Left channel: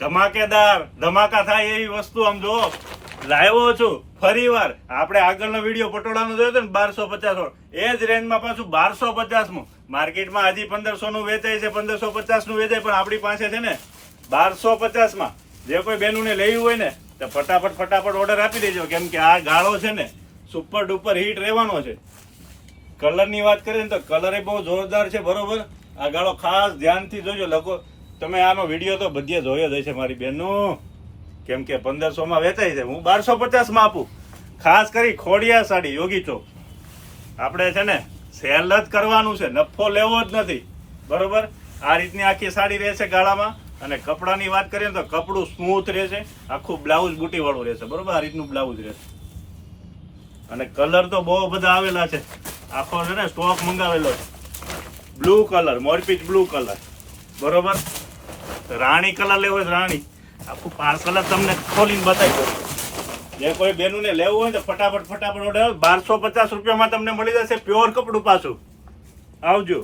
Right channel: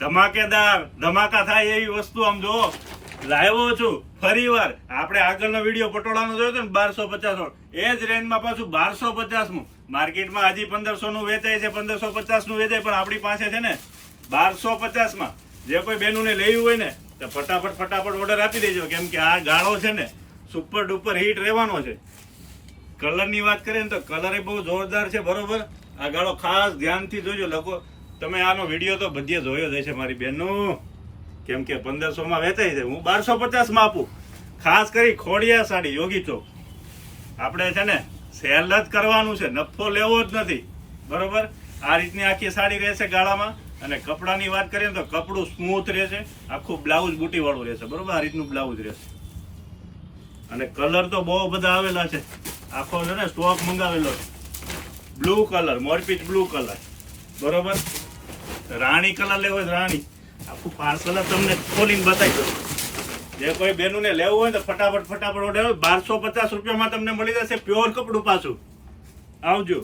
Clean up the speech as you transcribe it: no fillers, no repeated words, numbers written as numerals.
ધમાકેદાર ધમાકા થાય એવી વસ્તુ આમ જો લાવ્યો છું ફરી વાર. આપણે આગળનો વિડીયો પટોળાનો જોયો હતો ને 1250 એ જ રેન્જમાં પાછું 1250 માં માર્કેટમાં હજી 1500 નું વેચાય છે, 1550 નું વેચાય, પણ આપણી પાસે છે ને 1250 માં. જે કોઈ બહેનોને લેવું હોય ને તો ફટાફટ ઓર્ડર આપી દેજો, કેમ કે આ ગાળો છે ને સુપર ડુપર હિટ રહેવાનો છે. કલર ની વાત કરીએ ને તો કલર એ બહુ જોરદાર છે. બરોબર, આ ગાળો ખાસ ધ્યાનથી જોજો લોકો. તમે આનો વિડીયો તો બધે જોયો જ હશે મારી બેનનું, કેમ કે 1500 માં વેચાય છે, હું 1250 માં આપું. ખાસ કરી ખોડિયા સાડી યોગી ચોક. આપણે છે ને સેલ જ કરવાનું છે, નફો લેવો જ નથી. બરોબર, આ રીતની આખી સાડી રહેશે ગાળામાં. અને કપડાની વાત કરીએ તો કપડું સ્મૂથ રહેશે, આખું બ્લાઉઝ બુટી વાળું રહેશે. બરોબર, આ રીતનું બ્લાઉઝ રહેશે. અને કલર તો બહુ બધા આવેલા છે, આખો છે ને સ્ટોક મંગાવેલો છે. બ્લુ કલર, મોરપીચ બ્લુ કલર. બરોબર, રાણી કલર લેવો હોય રાણી, આખું કલર તમને ખોલીને બતાવી દો. જે કોઈ બેનુને લેવું હોય તો ફટાફટ ઓર્ડર. 1250 રૂપિયામાં તમને મળી જશે પ્યોર કપડું પાછું. આવજો.